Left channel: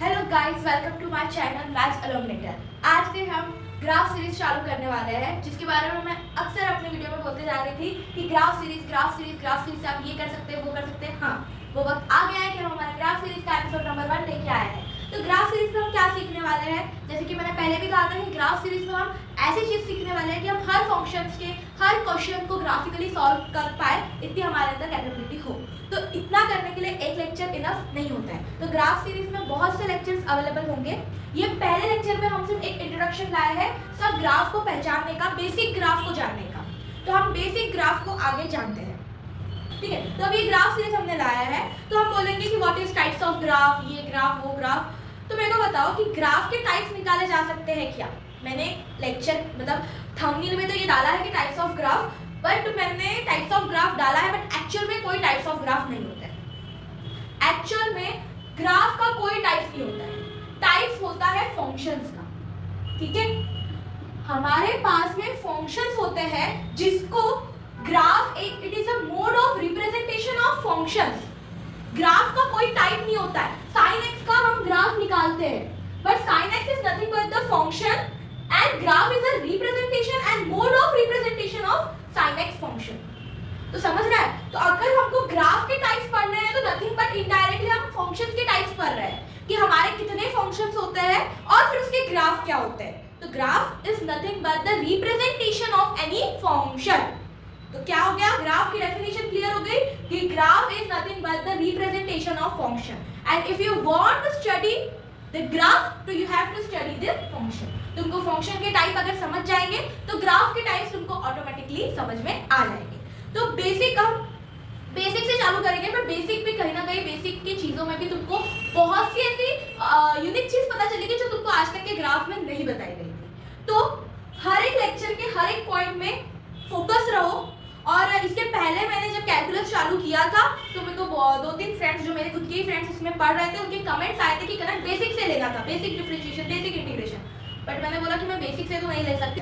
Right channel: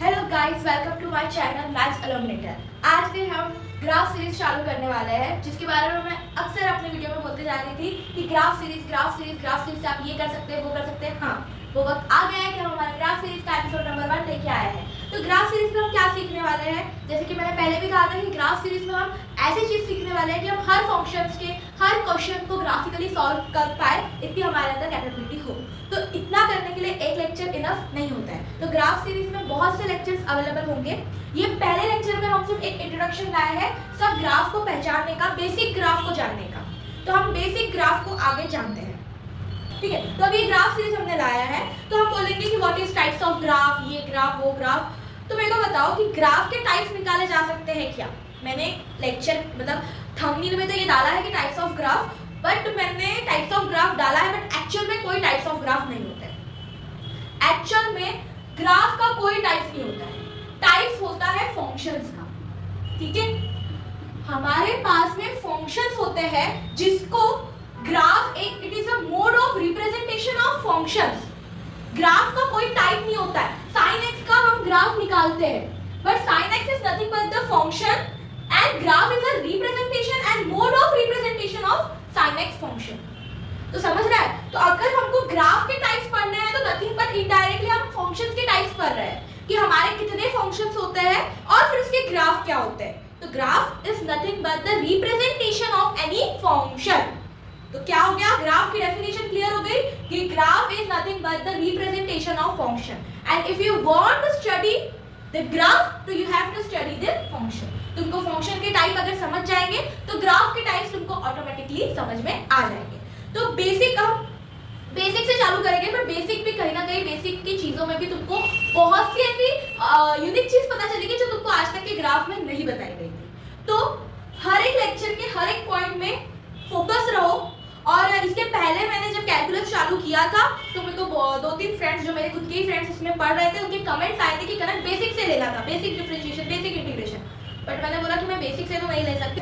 Hello guys, welcome to my channel maths illuminator. आज से हम ग्राफ सीरीज चालू करने वाले हैं, जिसके बारे में मैं अक्सर अपने वीडियो में बोलते जा रही थी कि ग्राफ सीरीज से आप ये कर सकते हैं, वो कर सकते हैं। हाँ, वो वक्त आ गया है कि हम हमारे ग्राफ सीरीज का एपिसोड नंबर 1 लेके आए हैं। तो ग्राफ सीरीज में हम क्या सीखने वाले हैं, जैसे कि मैंने पहले भी कहा था कि ग्राफ सीरीज में हम ऐसी चीज सीखने वाले हैं कि हम हर फंक्शंस के हर क्वेश्चन को ग्राफिकली सॉल्व कर पाए, इतनी हमारे अंदर कैपेबिलिटी हो। तो इतना करने के लिए एक लेक्चर इनफ नहीं होता है। तो ग्राफ सीरीज में बहुत से लेक्चर्स अवेलेबल होंगे। ये पहले लेक्चर में हम सिर्फ एक इंट्रोडक्शन लाए हैं सब ग्राफ को पहचानने का, बेसिक ग्राफ को जानने का। तो हम बेसिक ग्राफ को आगे जानते हैं, ठीक है। तो अब ये ग्राफ सीरीज हमने लाया है, तो हम बोलेंगे कि what is types of graph, ये ग्राफ वो ग्राफ। तो मेरे को बताओ कि ग्राफ के टाइप्स निकाले जा सकते हैं क्या। मैंने लेक्चर मतलब थंबनेल में तो ये डाला है कि टाइप्स ऑफ ग्राफ, बट मैंने टाइप्स ऑफ ग्राफ डाला है, बट एक्चुअल में कोई टाइप्स ऑफ ग्राफ नहीं होता है। एक्चुअल में ग्राफ का कोई टाइप्स नहीं होता है, टाइप्स होता है फंक्शंस का, ठीक है। हमारे पास में फंक्शंस होते हैं जिसको ग्राफ एक it is a mode of representation of functions. Graph का कोई टाइप नहीं होता है। sin x का हम ग्राफ निकालते हैं, but sin x is nothing but the function and graph is a representation and mode of representation of sin x function. तो समझ रहा है। तो अगर हमको ग्राफ के टाइप्स पढ़ने हैं तो नथिंग बट इनडायरेक्टली हम फंक्शंस के टाइप्स पढ़ रहे हैं कि हमारे कितने फंक्शंस होते हैं और फिर उसके ग्राफ क्या होते हैं। तो graph is nothing but the representation of any function. तो क्या हो गया, ग्राफ की डेफिनेशन क्लियर हो गई कि graph is nothing but the representation of function and if you want to study the graph तो you have to study the function. तुमको फंक्शन के टाइप अगर समझ जाएंगे तो ग्राफ के टाइप्स तुमको ऑटोमेटिकली समझ में आ जाएंगे। तो बेसिक हम बेसिक से चालू करेंगे, पर बेसिक भी कहीं ना कहीं बेसिक की चीजों में भी तुमको बहुत सी ऐसी यूनिक चीज पता चलेगी जो तुमको आज तक के ग्राफ में नहीं बताई गई थी। तो हर एक लेक्चर के हर एक पॉइंट में फोकस रहो। और इसके पहले मैंने जब कैलकुलस चालू किया था तो मेरे को 2-3 फ्रेंड्स जो मेरे खुद के ही फ्रेंड्स इसमें पढ़ रहे थे, उनके कमेंट्स आए थे कि कनक बेसिक से लेना था, basic differentiation, basic integration. But मैंने बोला कि मैं बेसिक से तो नहीं ले सकती,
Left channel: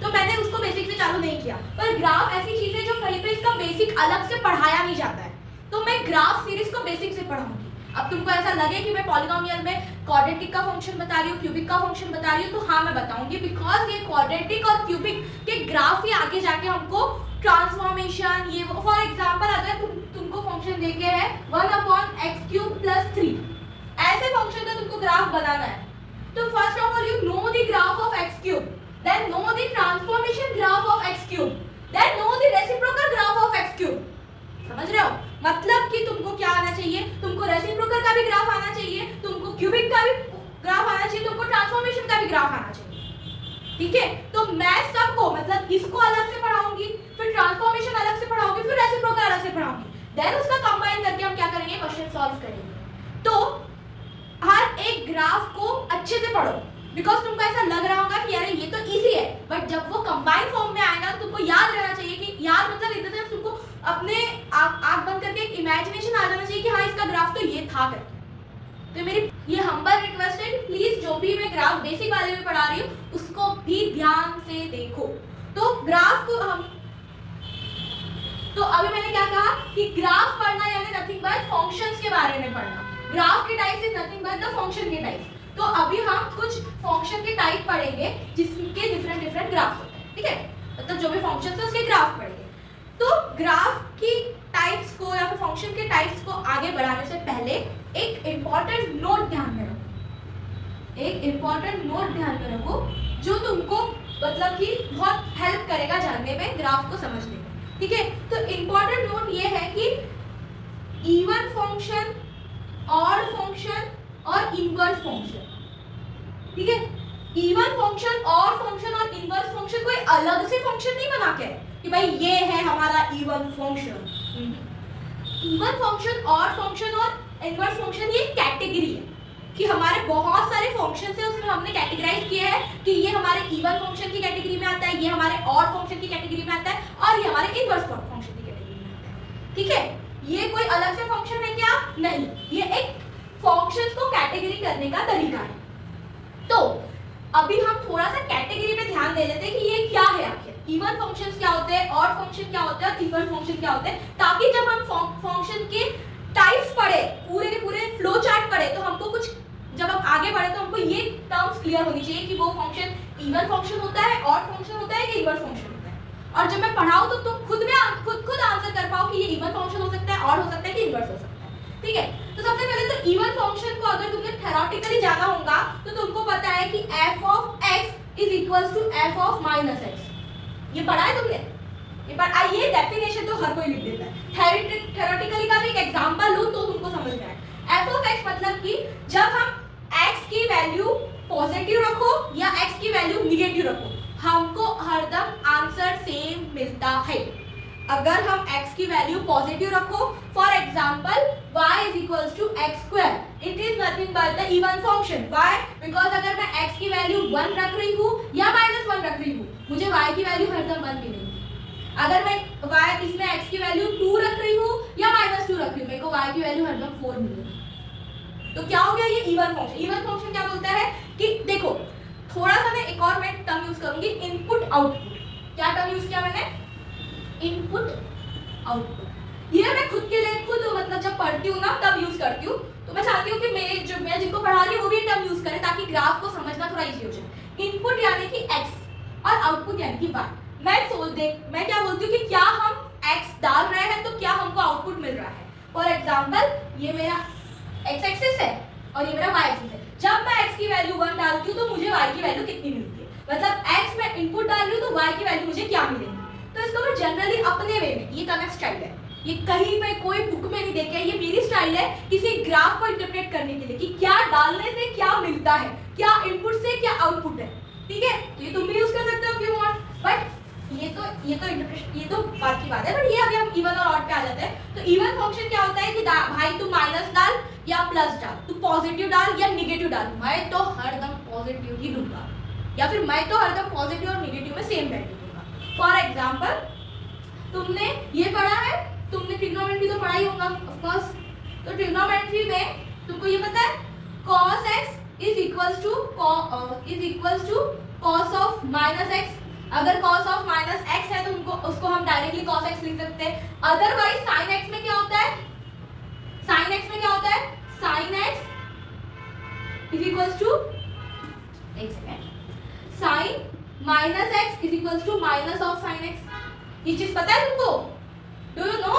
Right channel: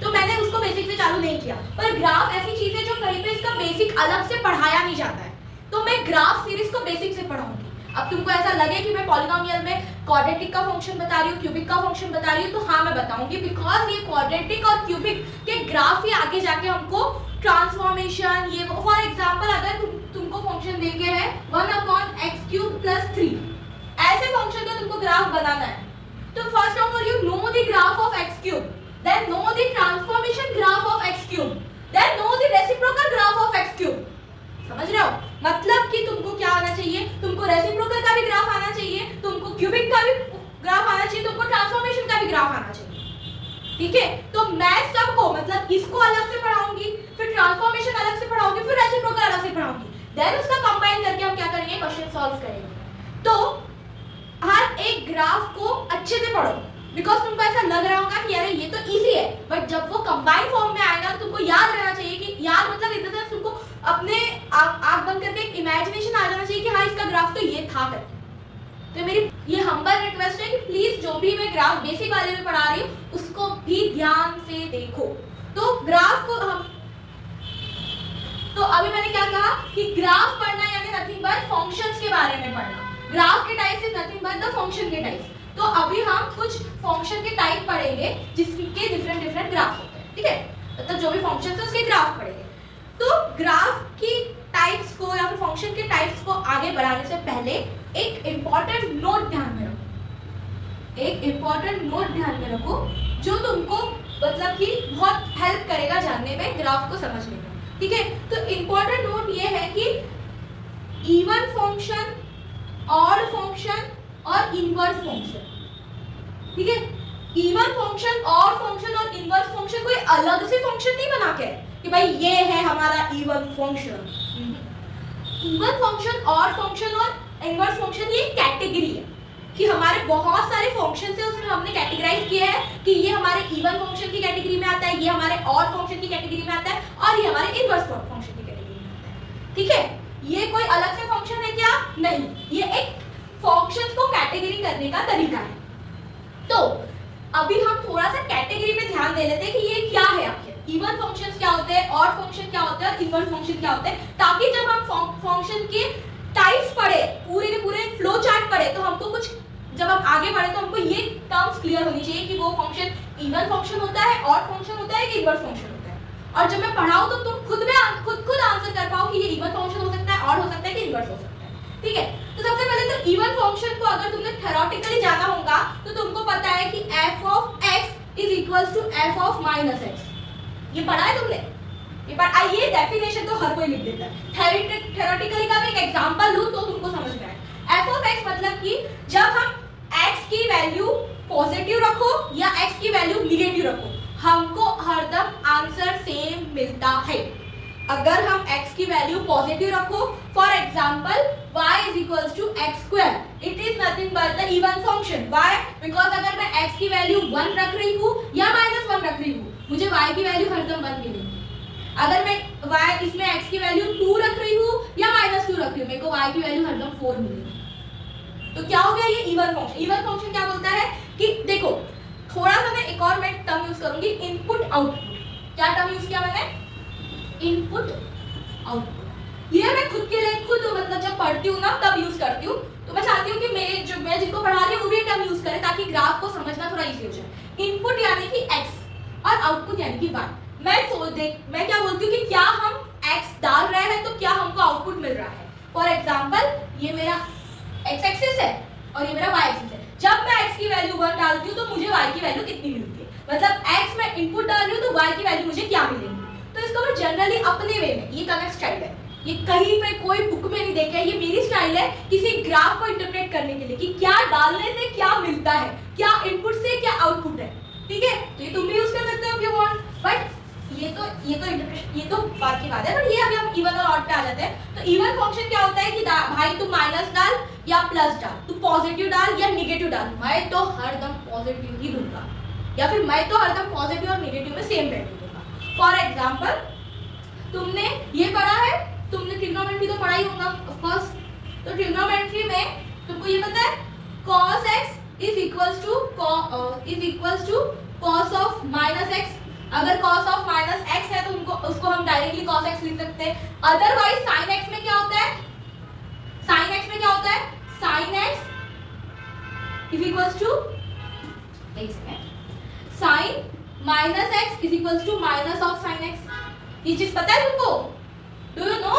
तो मैंने उसको बेसिक से चालू नहीं किया। पर ग्राफ ऐसी चीज है जो कहीं पे इसका बेसिक अलग से पढ़ाया नहीं जाता है, तो मैं ग्राफ सीरीज को बेसिक से पढ़ाऊंगी। अब तुमको ऐसा लगे कि मैं पॉलीनोमियल में क्वाड्रेटिक का फंक्शन बता रही हूँ, क्यूबिक का फंक्शन बता रही हूँ, तो हाँ मैं बताऊंगी, बिकॉज ये क्वाड्रेटिक और क्यूबिक के ग्राफ ही आगे जाके हमको ट्रांसफॉर्मेशन ये फॉर एग्जांपल अगर तुमको फंक्शन देके है 1/x³ + 3, ऐसे फंक्शन का तुमको ग्राफ बनाना है। तो first of all you know the graph of x³, then know the transformation graph of x³, then know the reciprocal graph of x³। समझ रहे हो, मतलब कि तुमको क्या आना चाहिए, तुमको रेसिप्रोकल का भी ग्राफ आना चाहिए, तुमको क्यूबिक का भी ग्राफ आना चाहिए, तुमको ट्रांसफॉर्मेशन का भी ग्राफ आना चाहिए, ठीक है। तो मैं सबको मतलब इसको अलग से पढ़ाऊंगी, फिर ट्रांसफॉर्मेशन अलग से पढ़ाऊंगी, फिर रेसिप्रोकल अलग से पढ़ाऊंगी, देन उसका कंबाइन करके हम क्या करेंगे, क्वेश्चन सॉल्व करेंगे। तो हर एक ग्राफ को अच्छे से पढ़ो, बिकॉज तुमको ऐसा लग रहा होगा कि यार ये तो इजी है, बट जब वो कंबाइन फॉर्म में आएगा तो तुमको याद रहना चाहिए कि याद मतलब इन द सेंस तुमको अपने आंख बंद करके एक इमेजिनेशन आ जाना चाहिए कि हाँ इसका ग्राफ तो ये था करके। तो मेरी ये हम्बल रिक्वेस्ट है कि प्लीज जो भी मैं ग्राफ बेसिक वाले में पढ़ा रही हूँ उसको भी ध्यान से देखो। तो ग्राफ को हम तो अभी मैंने क्या कहा कि ग्राफ पढ़ना यानी नथिंग बट फंक्शंस के बारे में पढ़ना। ग्राफ के types is nothing but the function के टाइप्स। तो अभी हम कुछ फंक्शन के टाइप पढ़ेंगे जिसके डिफरेंट ग्राफ होते हैं, ठीक है। मतलब जो भी फंक्शन है उसके ग्राफ पढ़ेंगे। तो ग्राफ की टाइप्स को या फिर फंक्शन के टाइप्स को आगे बढ़ाने से पहले एक इंपॉर्टेंट नोट ध्यान में रखो, एक इंपॉर्टेंट नोट ध्यान में रखो जो तुमको मतलब कि बहुत हेल्प करेगा जानने में, ग्राफ को समझने में, ठीक है। तो इंपॉर्टेंट नोट ये है कि इवन फंक्शन, ऑड फंक्शन और इनवर्स फंक्शन, ठीक है। इवन फंक्शन, ऑड फंक्शन और इनवर्स फंक्शन कोई अलग से फंक्शन नहीं बना के कि भाई ये है हमारा even function. Even function, odd function और इनवर्स फंक्शन ये कैटेगरी है कि हमारे बहुत सारे फंक्शंस है, उसमें हमने कैटेगराइज किया है कि ये हमारे इवन फंक्शन की कैटेगरी में आता है, ये हमारे ऑड फंक्शन की कैटेगरी में आता है और ये हमारे इनवर्स फंक्शन की कैटेगरी में आता है, ठीक है। ये कोई अलग से फंक्शन है क्या, नहीं, ये एक फंक्शंस को कैटेगरी करने का तरीका है। तो अभी हम थोड़ा सा कैटेगरी पे ध्यान दे लेते हैं कि ये क्या है आखिर, इवन फंक्शंस क्या होते हैं, ऑड फंक्शन क्या होते हैं और इनवर्स फंक्शन क्या होते हैं, ताकि जब हम फंक्शन के टाइप्स पढ़े, पूरे के पूरे फ्लो चार्ट पढ़े, तो हमको कुछ जब हम आगे बढ़े तो हमको ये टर्म्स क्लियर होनी चाहिए कि वो फंक्शन इवन फंक्शन होता है, ऑड फंक्शन होता है कि इनवर्स फंक्शन होता है। और जब मैं पढ़ाऊं तो तुम खुद आंसर कर पाओ कि ये इवन फंक्शन हो सकता है, ऑड हो सकता है कि इनवर्स हो सकता है। ठीक है, तो सबसे पहले तो इवन फंक्शन को अगर तुमने थ्योरेटिकली जाना होगा तो तुमको पता है कि f of x is equals to f of minus x। ये पढ़ा है तुमने? ये पर आइए डेफिनेशन तो हर कोई लिख देता है, थ्योरेटिकली का भी एक एग्जांपल लूं तो तुमको समझ में आए। f of x मतलब कि जब हम x की वैल्यू पॉजिटिव रखो या x की वैल्यू निगेटिव रखो, हमको हरदम आंसर सेम मिलता है। अगर हम x की वैल्यू पॉजिटिव रखो, for example y is equals to x square, it is nothing but the even function। why? because अगर मैं x की वैल्यू 1 रख रही हूँ या -1 रख रही हूँ, मुझे y की वैल्यू हरदम 1 मिलेगी। अगर मैं y इसमें x की वैल्यू 2 रख रही हूँ या -2 रख रही हूँ, मेरे को y की वैल्यू हरदम 4 मिलेगी। तो क्या हो गया ये इवन फंक्शन। इवन फंक्शन क्या बोलता है कि देखो, थोड़ा सा मैं एक और टर्म यूज करूंगी, इनपुट आउटपुट। क्या टर्म यूज किया मैंने? Input output. ये मैं खुद के लिए मतलब जब पढ़ती हूँ ना तब यूज करती हूँ। तो मैं चाहती हूँ कि मैं जिनको पढ़ा रही हूँ वो भी टर्म यूज करें ताकि ग्राफ को समझना थोड़ा इजी हो जाए। इनपुट यानी कि x और आउटपुट यानी कि y। मैं क्या बोलती हूँ कि क्या हम x डाल रहे हैं तो क्या हमको आउटपुट मिल रहा है। फॉर एग्जाम्पल ये मेरा x एक्सिस है और ये मेरा y एक्सिस है। जब मैं x की वैल्यू 1 डालती हूँ तो मुझे y की वैल्यू कितनी मिलती है, मतलब x में इनपुट डाल रही हूँ तो y की वैल्यू मुझे क्या मिलेगी। तो इसको मैं जनरली अपने वे में, ये कनेक्ट स्टाइल है, ये कहीं पे कोई बुक में नहीं देखा है, ये मेरी स्टाइल है किसी ग्राफ को इंटरप्रेट करने के लिए कि क्या डालने से क्या मिलता है, क्या इनपुट से क्या आउटपुट है। ठीक है, तो ये तुम भी यूज कर सकते हो if you want, बट ये तो बात की बात है। बट ये अभी हम इवन और ऑड पे आ जाते हैं। तो इवन फंक्शन क्या होता है कि भाई तू माइनस डाल या प्लस डाल, तू पॉजिटिव डाल या निगेटिव डाल, मैं तो हरदम पॉजिटिव ही दूंगा, या फिर मैं तो हरदम पॉजिटिव और निगेटिव में सेम वैल्यू दूंगा। फॉर एग्जाम्पल तुमने ये पढ़ा है, तुमने ट्रिग्नोमेट्री तो पढ़ा ही होगा ऑफ कोर्स। तो ट्रिग्नोमेट्री में तुमको ये पता है cos x is equals to cos of minus x। अगर cos ऑफ माइनस x है तो उसको हम डायरेक्टली cos x लिख सकते हैं। अदरवाइज sin x में क्या होता है, sin x में क्या होता है, sin x is equals to, एक second, sin minus x is equals to minus of sin x। ये चीज पता है तुमको? Do you know?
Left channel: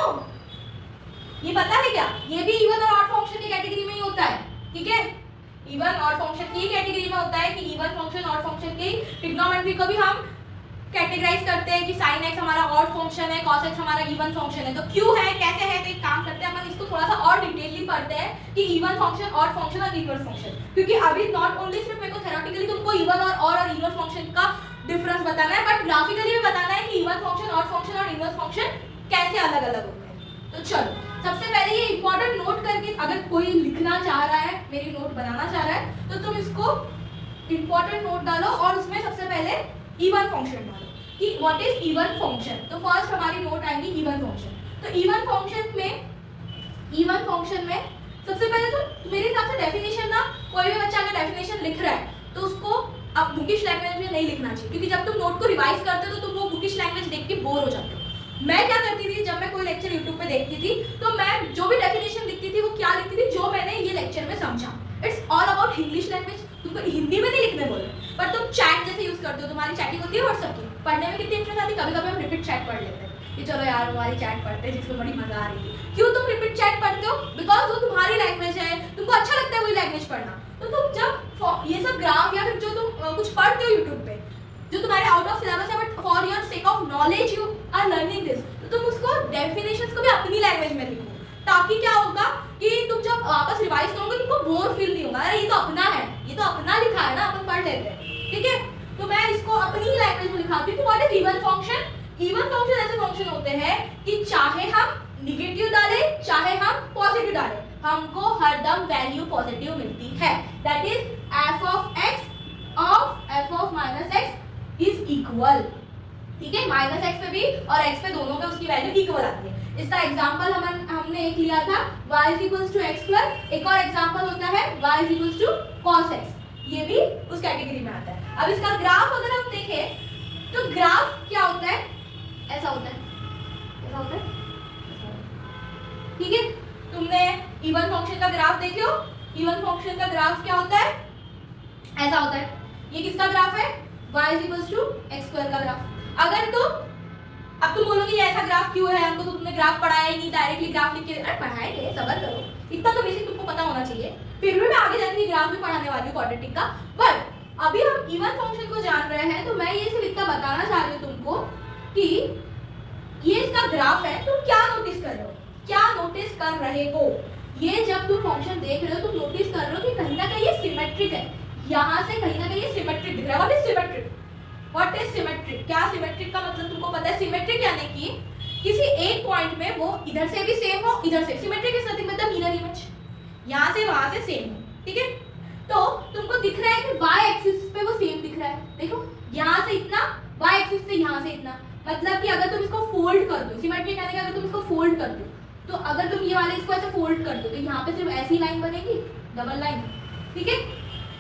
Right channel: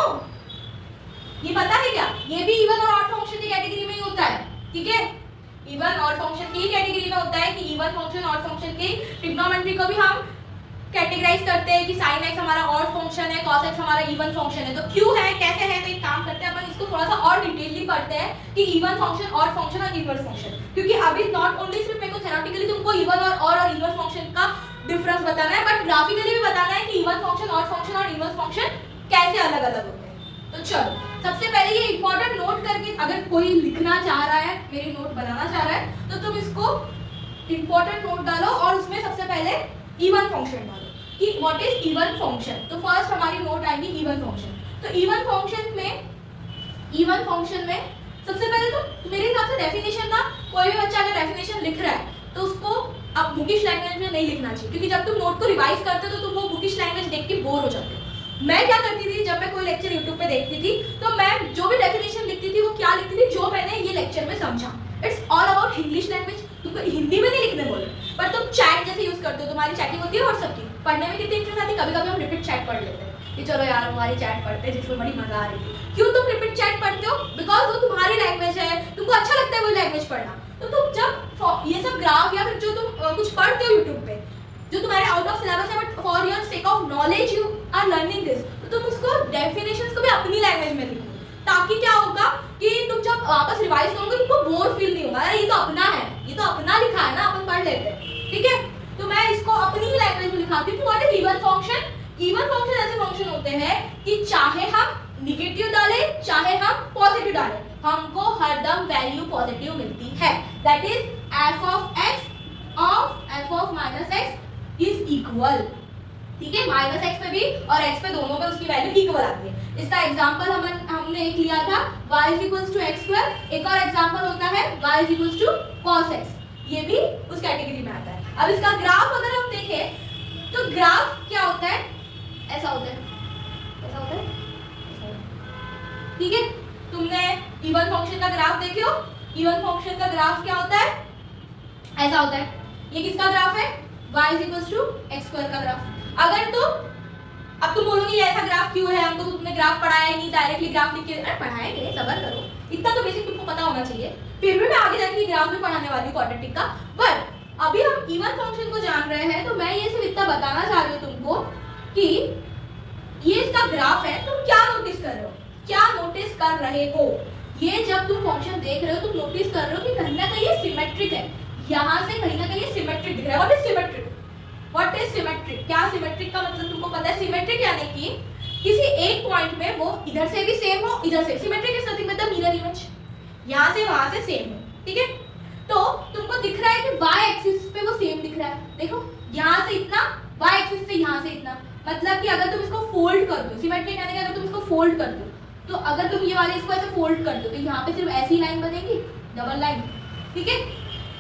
ये पता है क्या? ये भी इवन और ऑड फंक्शन की कैटेगरी में ही होता है। ठीक है, इवन ऑड फंक्शन की कैटेगरी में होता है कि इवन फंक्शन ऑड फंक्शन की ट्रिग्नोमेट्री को भी हम कैटेगराइज करते हैं कि sin x हमारा ऑड फंक्शन है, cos x हमारा इवन फंक्शन है। तो क्यों है, कैसे है, तो एक काम करते हैं अपन इसको थोड़ा सा और डिटेलली पढ़ते हैं कि इवन फंक्शन, ऑड फंक्शन और इनवर्स फंक्शन। क्योंकि अभी नॉट ओनली सिर्फ मेरे को थ्योरेटिकली तुमको इवन और ऑड और इनवर्स फंक्शन का डिफरेंस बताना है, बट ग्राफिकली भी बताना है कि इवन फंक्शन, ऑड फंक्शन और इनवर्स फंक्शन कैसे अलग अलग होते हैं। तो चलो सबसे पहले ये इंपॉर्टेंट नोट करके, अगर कोई लिखना चाह रहा है, मेरी नोट बनाना चाह रहा है, तो तुम इसको इंपॉर्टेंट नोट डालो और उसमें सबसे पहले इवन फंक्शन डालो कि व्हाट इज इवन फंक्शन। तो फर्स्ट हमारी नोट आएगी इवन फंक्शन। तो इवन फंक्शन में सबसे पहले तो मेरे हिसाब से डेफिनेशन ना, कोई भी बच्चा अगर डेफिनेशन लिख रहा है तो उसको अब बुकिश लैंग्वेज में नहीं लिखना चाहिए, क्योंकि जब तुम नोट को रिवाइज करते हो तो तुम वो बुकिश लैंग्वेज देख के बोर हो जाते हो। मैं क्या करती थी, जब मैं कोई लेक्चर YouTube पे देखती थी तो मैं जो भी डेफिनेशन लिखती थी वो क्या लिखती थी, जो मैंने ये लेक्चर में समझा। It's all about English language. तुमको हिंदी में नहीं लिखने बोले, पर तुम चैट जैसे यूज करते हो, तुम्हारी चैटिंग होती है व्हाट्सएप की, पढ़ने में कितनी इंटरेस्ट आती है। कभी कभी हम रिपीट चैट पढ़ लेते हैं कि चलो यार हमारी चैट पढ़ते हैं जिसमें बड़ी मजा आ रही थी। क्यों तुम रिपीट चैट पढ़ते हो? बिकॉज वो तुम्हारी लैंग्वेज है, तुमको अच्छा लगता है वही लैंग्वेज पढ़ना। तो तुम जब ये सब ग्राफ या फिर जो तुम कुछ पढ़ते हो यूट्यूब पे, जो तुम्हारे आउट ऑफ सिलेबस है, but for your sake of knowledge you are learning this, तो तुम उसको डेफिनेशंस को भी अपनी लैंग्वेज में लिखो, ताकि क्या होगा कि तुम जब वापस रिवाइज करोगे तुमको बोर फील नहीं होगा, ये तो अपना है, ये तो अपना लिखा है ना, अपन पढ़ लेते हैं। ठीक है, तो मैं इसको अपनी ही लैंग्वेज में लिखाती हूँ। What is even function? Even function ऐसे फंक्शन होते हैं कि चाहे हम निगेटिव डालें चाहे हम पॉजिटिव डालें, हमको हरदम वैल्यू पॉजिटिव मिलती है। That is f of x of f of minus x is equal. ठीक है, माइनस एक्स पे भी और एक्स पे दोनों पे उसकी वैल्यू इक्वल आती है। इसका एग्जांपल हमने एक लिया था y is equals to x square। एक और एग्जांपल होता है y is equals to cos x, ये भी उस कैटेगरी में आता है। अब इसका ग्राफ अगर हम देखें तो ग्राफ क्या होता है, ऐसा होता है, ऐसा होता है। ठीक है, तुमने इवन फंक्शन का ग्राफ देखे हो, इवन फंक्शन का ग्राफ क्या होता है, ऐसा होता है। ये किसका ग्राफ है, y is equal to x square का ग्राफ। अगर तुम अब तुम बोलोगे ये ऐसा ग्राफ क्यों है, हमको तो तुमने ग्राफ पढ़ाया ही नहीं, डायरेक्टली ग्राफ लिख के, अरे पढ़ाएंगे, सबर करो, इतना तो बेसिक तुमको पता होना चाहिए। फिर भी मैं आगे जाके ग्राफ भी पढ़ाने वाली हूँ क्वाड्रेटिक का। बट अभी हम इवन फंक्शन को जान रहे हैं, तो मैं ये सिर्फ इतना बताना चाह रही हूँ तुमको कि ये इसका ग्राफ है। तुम क्या नोटिस कर रहे हो, क्या नोटिस कर रहे हो, ये जब तुम फंक्शन देख रहे हो तुम नोटिस कर रहे हो कि कहीं ना कहीं ये सिमेट्रिक है, यहाँ से कहीं ना कहीं ये सिमेट्रिक दिख रहा है। What is symmetric, what is symmetric, क्या सिमेट्रिक का मतलब तुमको पता है? सिमेट्रिक यानी कि किसी एक पॉइंट में वो इधर से भी सेम हो, इधर से। Symmetric is nothing but the mirror image, यहाँ से वहां से सेम हो, ठीक है। तो तुमको दिख रहा है कि y एक्सिस पे वो सेम दिख रहा है, देखो यहाँ से इतना, y एक्सिस से यहाँ से इतना, मतलब कि अगर तुम इसको फोल्ड कर दो, सिमेट्रिक यानी कि अगर तुम इसको फोल्ड कर दो, तो अगर तुम ये वाले इसको ऐसे फोल्ड कर दो तो यहाँ पे सिर्फ ऐसी लाइन बनेगी, डबल लाइन, ठीक है।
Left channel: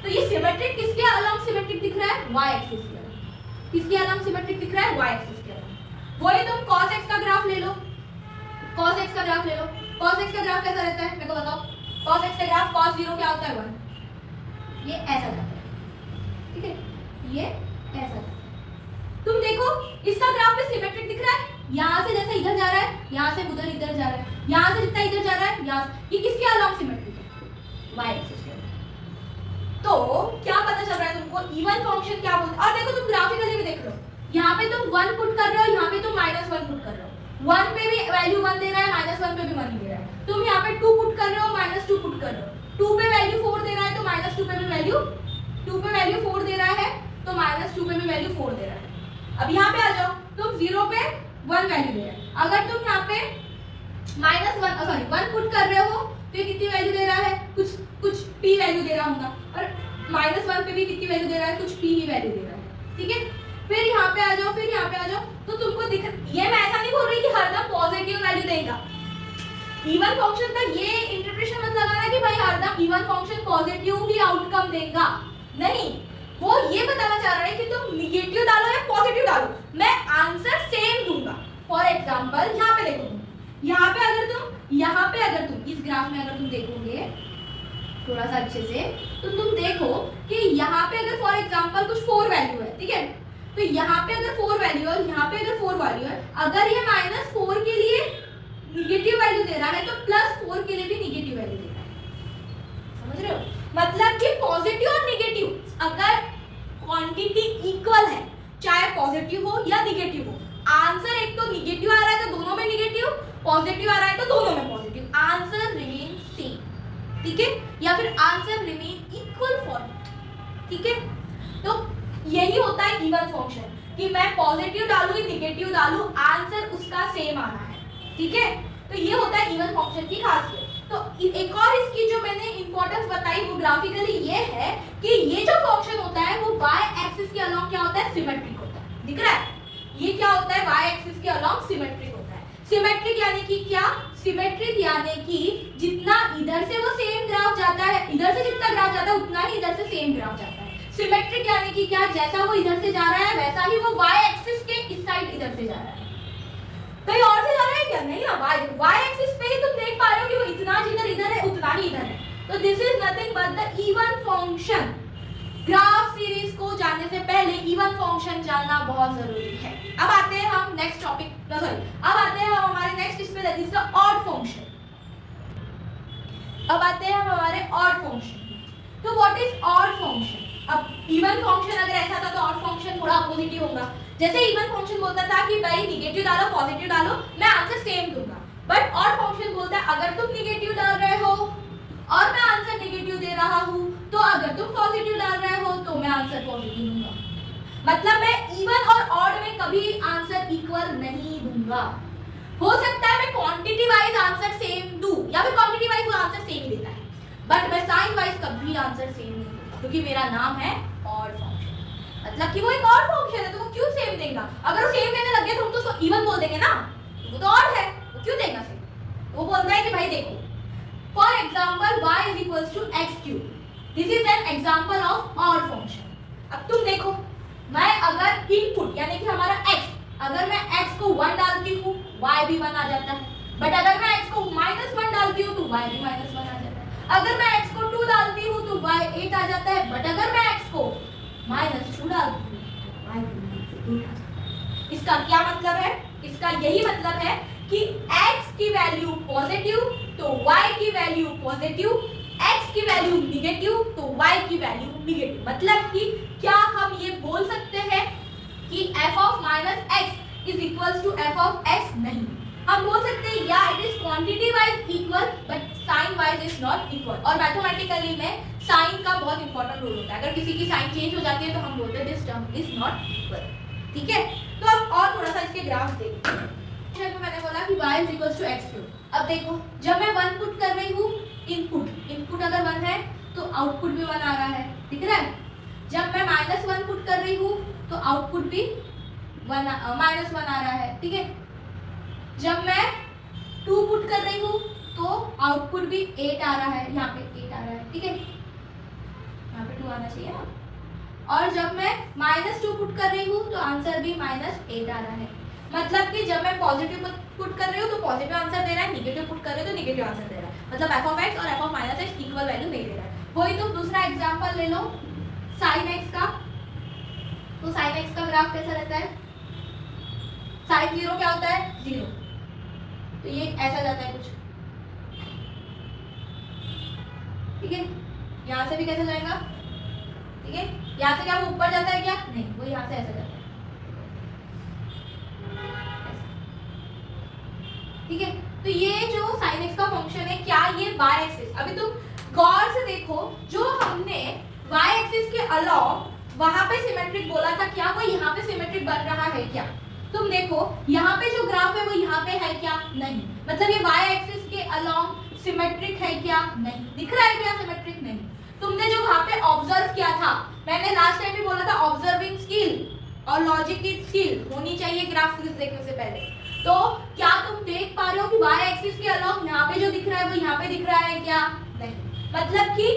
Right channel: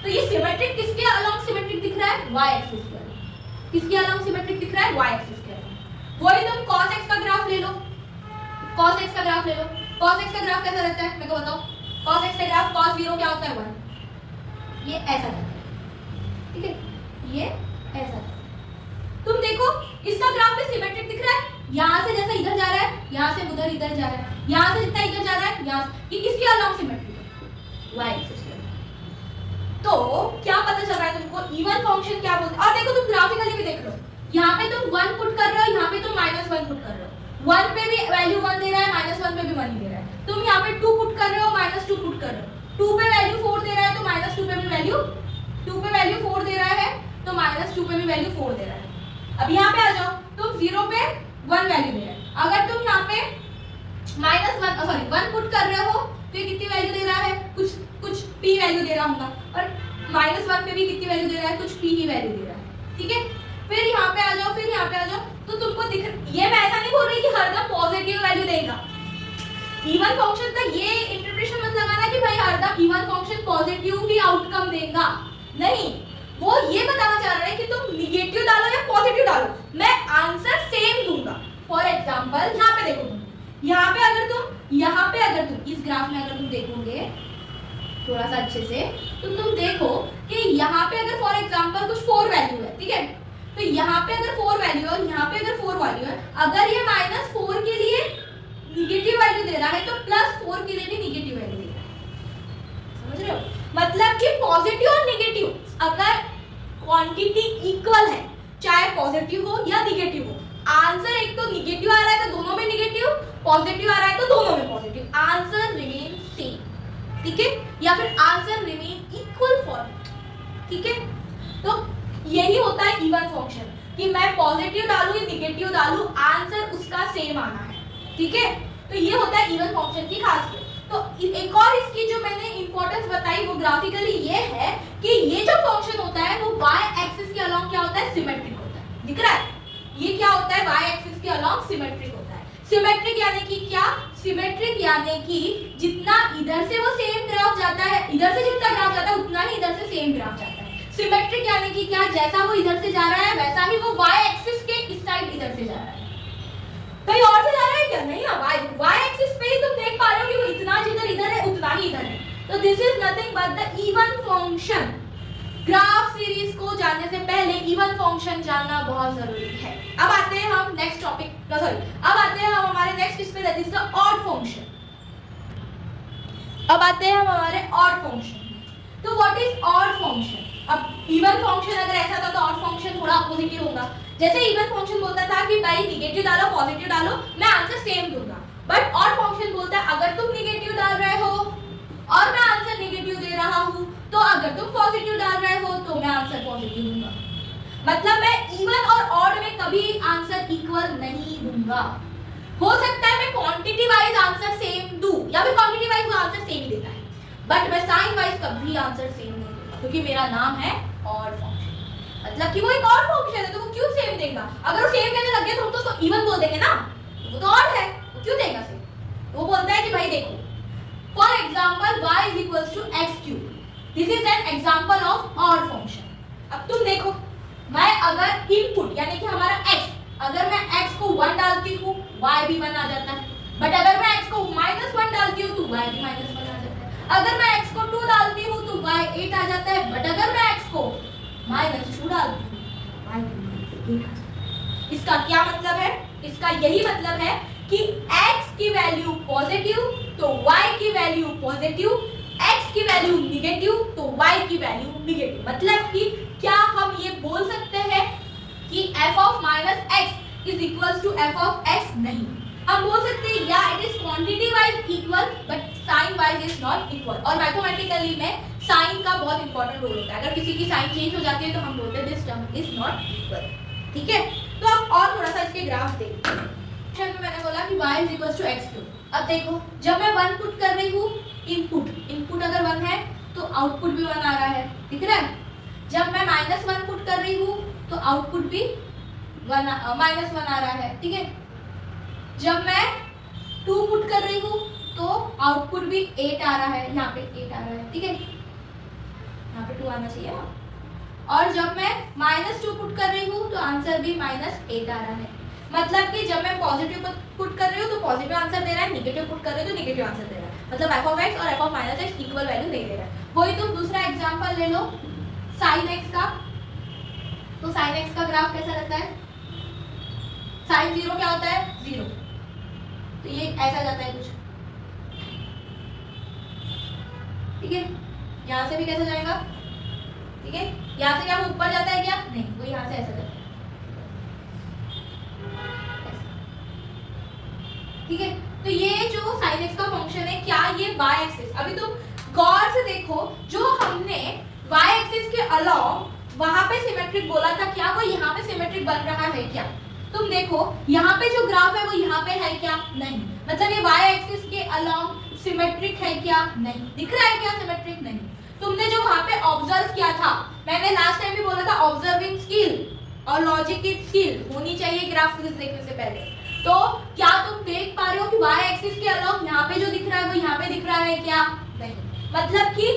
तो ये सिमेट्रिक किसके अलोंग सिमेट्रिक दिख रहा है, y एक्सिस के अलोंग। किसके अलोंग सिमेट्रिक दिख रहा है, y एक्सिस के अलोंग। वही तुम cos x का ग्राफ ले लो, cos x का ग्राफ ले लो। cos x का ग्राफ कैसा रहता है, मैं तो बताऊं। cos x का ग्राफ cos 0 क्या होता है, 1, ये ऐसा रहता है, ठीक है, ये ऐसा रहता है। तुम देखो इसका ग्राफ भी सिमेट्रिक दिख रहा है, यहाँ से जैसे इधर जा रहा है, यहाँ से उधर इधर जा रहा है, यहाँ से जितना इधर जा रहा है, यहाँ ये किसके अलोंग सिमेट्रिक है, y एक्सिस के। तो क्या पता चल रहा है तुमको, इवन फंक्शन क्या बोलते हैं। और देखो तुम ग्राफिकली भी देख रहे हो, यहाँ पे तुम 1 पुट कर रहे हो, यहाँ पे तुम -1 पुट कर रहे हो। 1 पे भी वैल्यू 1 दे रहा है, -1 पे भी 1 ही दे रहा है। तुम यहाँ पे 2 पुट कर रहे हो, -2 पुट कर रहे हो। 2 पे वैल्यू 4 दे रहा है, तो -2 पे भी वैल्यू 2 पे वैल्यू 4 दे रहा है, तो -2 पे भी वैल्यू 4 दे रहा है। अब यहाँ पे आ जाओ, तुम 0 पे 1 वैल्यू दे रहा है। अगर तुम यहाँ पे -1 पुट कर रहे हो तो ये कितनी वैल्यू दे रहा है, कुछ p वैल्यू दे रहा होगा, और -1 पे भी कितनी वैल्यू दे रहा है, कुछ p ही वैल्यू दे रहा है, ठीक है। फिर यहाँ पे आ जाओ, फिर यहाँ पे आ जाओ, तो तुमको दिख, ये मैं ऐसा नहीं बोल रही कि हरदम पॉजिटिव वैल्यू देगा। इवन फंक्शन का ये इंटरप्रिटेशन मत लगाना कि भाई हरदम इवन फंक्शन पॉजिटिव ही आउटकम देगा, नहीं। वो ये बताना चाह रहा है कि तुम निगेटिव डालो या पॉजिटिव डालो, मैं आंसर सेम दूंगा। फॉर एग्जांपल यहाँ पे देखो, यहाँ पे अगर तुम इस ग्राफ में अगर तुम देखोगे थोड़ा सा अच्छे से, तो तुम देखो कि यहाँ पे अगर फॉर एग्जांपल कुछ 4 वैल्यू है, ठीक है, तो यहाँ पे अगर 4 वैल्यू है, यहाँ पे अगर 4 वैल्यू है, अगर ये -4 के लिए निगेटिव वैल्यू दे रहा है तो +4 के लिए भी निगेटिव वैल्यू दे रहा है, समझ रहे हो? मतलब कि पॉजिटिव और निगेटिव अगर क्वांटिटी इक्वल है, चाहे पॉजिटिव हो या निगेटिव हो, आंसर एक तो निगेटिव आ रहा है तो दोनों में निगेटिव, पॉजिटिव आ रहा है तो दोनों में पॉजिटिव, आंसर रिमेन सेम, ठीक है, या फिर आंसर रिमेन इक्वल फॉर, ठीक है। तो यही होता है इवन फंक्शन कि मैं पॉजिटिव डालूं या निगेटिव डालूं, आंसर उसका सेम आना है, ठीक है। तो ये होता है इवन फंक्शन की खासियत। तो एक और इसकी जो मैंने इंपॉर्टेंस बताई वो ग्राफिकली ये है कि ये जो फंक्शन होता है वो y एक्सिस के अलोंग क्या होता है, सिमेट्रिक होता है, दिख रहा है? ये क्या होता है, y एक्सिस के अलोंग सिमेट्रिक होता है। सिमेट्रिक यानी कि क्या, सिमेट्रिक यानी कि जितना इधर से वो सेम ग्राफ जाता है, इधर से जितना ग्राफ जाता है उतना ही इधर से सेम ग्राफ जाता है। सिमेट्रिक यानी कि क्या, जैसा वो इधर से जा रहा है वैसा ही वो y एक्सिस के इस साइड इधर से जा रहा है। कहीं और से जा रहा है क्या, नहीं ना, y एक्सिस पे ही तुम देख पा रहे हो कि वो इतना जिधर इधर है उतना ही इधर है। तो this is nothing but the even function. Graph series को जानने से पहले इवन फंक्शन जानना बहुत जरूरी है। अब आते हैं हम नेक्स्ट टॉपिक, सॉरी अब आते हैं हम हमारे नेक्स्ट इसमें, that is the odd function. अब आते हैं हम हमारे ऑड फंक्शन। तो व्हाट इज ऑड फंक्शन? अब इवन फंक्शन अगर ऐसा था तो ऑड फंक्शन थोड़ा अपोजिट होगा। जैसे इवन फंक्शन बोलता था कि भाई निगेटिव डालो पॉजिटिव डालो, मैं आंसर सेम दूंगा, बट ऑड फंक्शन बोलता है अगर तुम निगेटिव डाल रहे हो और मैं आंसर निगेटिव दे रहा हूं, तो अगर तुम पॉजिटिव डाल रहे हो तो मैं आंसर पॉजिटिव दूंगा। मतलब मैं इवन और ऑड में कभी आंसर इक्वल नहीं दूंगा। हो सकता है मैं क्वांटिटी वाइज आंसर सेम दूं या फिर क्वांटिटी वाइज वो आंसर सेम ही देता है, बट मैं साइन वाइज कभी आंसर सेम नहीं दूंगा, क्योंकि मेरा नाम है ऑड फंक्शन। मतलब कि वो एक ऑड फंक्शन है तो वो क्यों सेम देगा? अगर वो सेम कहने लग गया तो हम तो इवन बोल देंगे ना, वो तो ऑड है, वो क्यों देगा सेम? वो बोलता है कि भाई देखो, for example y is equals to x3, this is an example of odd function. अब तुम देखो, मैं अगर इनपुट यानी कि हमारा x, अगर मैं x को 1 डालती हूँ y भी 1 आ जाता है, बट अगर मैं x को -1 डालती हूँ तो y भी -1 आ जाता है। अगर मैं x को 2 माइनस 2 डाल दूँ, y की इसका क्या मतलब है? इसका यही मतलब है कि x की वैल्यू पॉजिटिव तो y की वैल्यू पॉजिटिव, x की वैल्यू निगेटिव तो y की वैल्यू निगेटिव। मतलब कि क्या हम ये बोल सकते हैं कि f of minus x is equal to f of x? नहीं, हम बोल सकते हैं या it is quantity wise equal but sign wise is not equal. और मैथमेटिकली में साइन का बहुत इंपॉर्टेंट रोल होता है। अगर किसी की साइन चेंज हो जाती है तो हम बोलते हैं this term is not equal. ठीक है, तो अब और थोड़ा सा इसके ग्राफ देखते हैं। मैंने बोला कि y is equal to x cube. अब देखो जब मैं 1 पुट कर रही हूँ, इनपुट अगर 1 है तो आउटपुट भी 1 आ रहा है, दिख रहा है। जब मैं -1 पुट कर रही हूँ तो आउटपुट भी -1 आ रहा है, ठीक है। जब मैं 2 पुट कर रही हूँ तो आउटपुट भी 8 आ रहा है, यहाँ पे 8 आ रहा है, ठीक है। यहाँ पे 2 आना चाहिए ना। और जब मैं -2 पुट कर रही हूँ तो आंसर भी -8 आ रहा है। मतलब कि जब मैं पॉजिटिव पुट कर रही हूँ तो पॉजिटिव आंसर दे रहा है, निगेटिव पुट कर रही हूँ तो निगेटिव आंसर दे रहा है। मतलब f ऑफ x और f of minus x equal value नहीं दे रहा है। वही तुम दूसरा एग्जांपल ले लो sin x का। तो sin x का ग्राफ कैसा रहता है? sin 0 क्या होता है? 0। तो ये ऐसा जाता है कुछ, ठीक है। यहाँ से भी कैसे जाएगा? ठीक है, यहाँ से क्या वो ऊपर जाता है क्या? नहीं, वो यहाँ से ऐसा जाता है, ठीक है। तो ये जो sin x का फंक्शन है, क्या ये y एक्सिस, अभी तुम गौर से देखो, जो हमने y एक्सिस के अलोंग वहां पे सिमेट्रिक बोला था, क्या वो यहाँ पे सिमेट्रिक बन रहा है क्या? तुम देखो यहाँ पे जो ग्राफ है वो यहाँ पे है क्या? नहीं। मतलब ये y एक्सिस के अलोंग सिमेट्रिक है क्या? नहीं। दिख रहा है क्या सिमेट्रिक? नहीं। तुमने जो वहां पे ऑब्जर्व किया था, मैंने लास्ट टाइम भी बोला था ऑब्जर्विंग स्किल और लॉजिक की स्किल होनी चाहिए ग्राफ देखने से पहले। तो क्या तुम देख पा रहे हो कि y एक्सिस के अलोंग यहाँ पे जो दिख रहा है वो यहाँ पे दिख रहा है क्या? नहीं। मतलब कि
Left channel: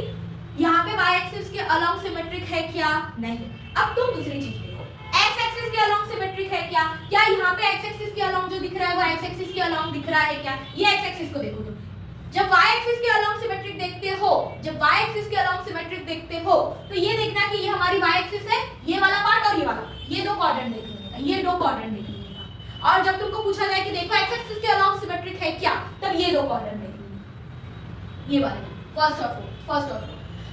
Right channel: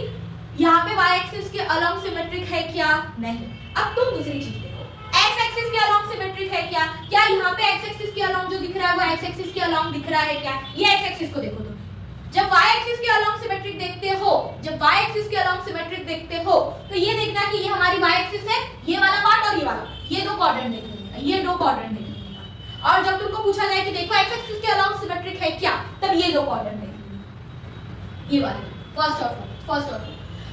यहाँ पे y एक्सिस के अलोंग सिमेट्रिक है क्या? नहीं। अब तुम दूसरी चीज देखो, x एक्सिस के अलोंग सिमेट्रिक है क्या? क्या यहाँ पे x एक्सिस के अलोंग जो दिख रहा है वो x एक्सिस के अलोंग दिख रहा है क्या? ये x एक्सिस को देखो तुम। जब y एक्सिस के अलोंग सिमेट्रिक देखते हो, जब y एक्सिस के अलोंग सिमेट्रिक देखते हो तो ये देखना कि ये हमारी y एक्सिस है, ये वाला पार्ट और ये वाला, ये दो क्वाड्रेंट देख लेंगे, ये दो क्वाड्रेंट देख लेंगे। और जब तुमको पूछा जाए कि देखो x एक्सिस के अलोंग सिमेट्रिक है क्या, तब ये दो क्वाड्रेंट देख लेंगे, ये वाले फर्स्ट और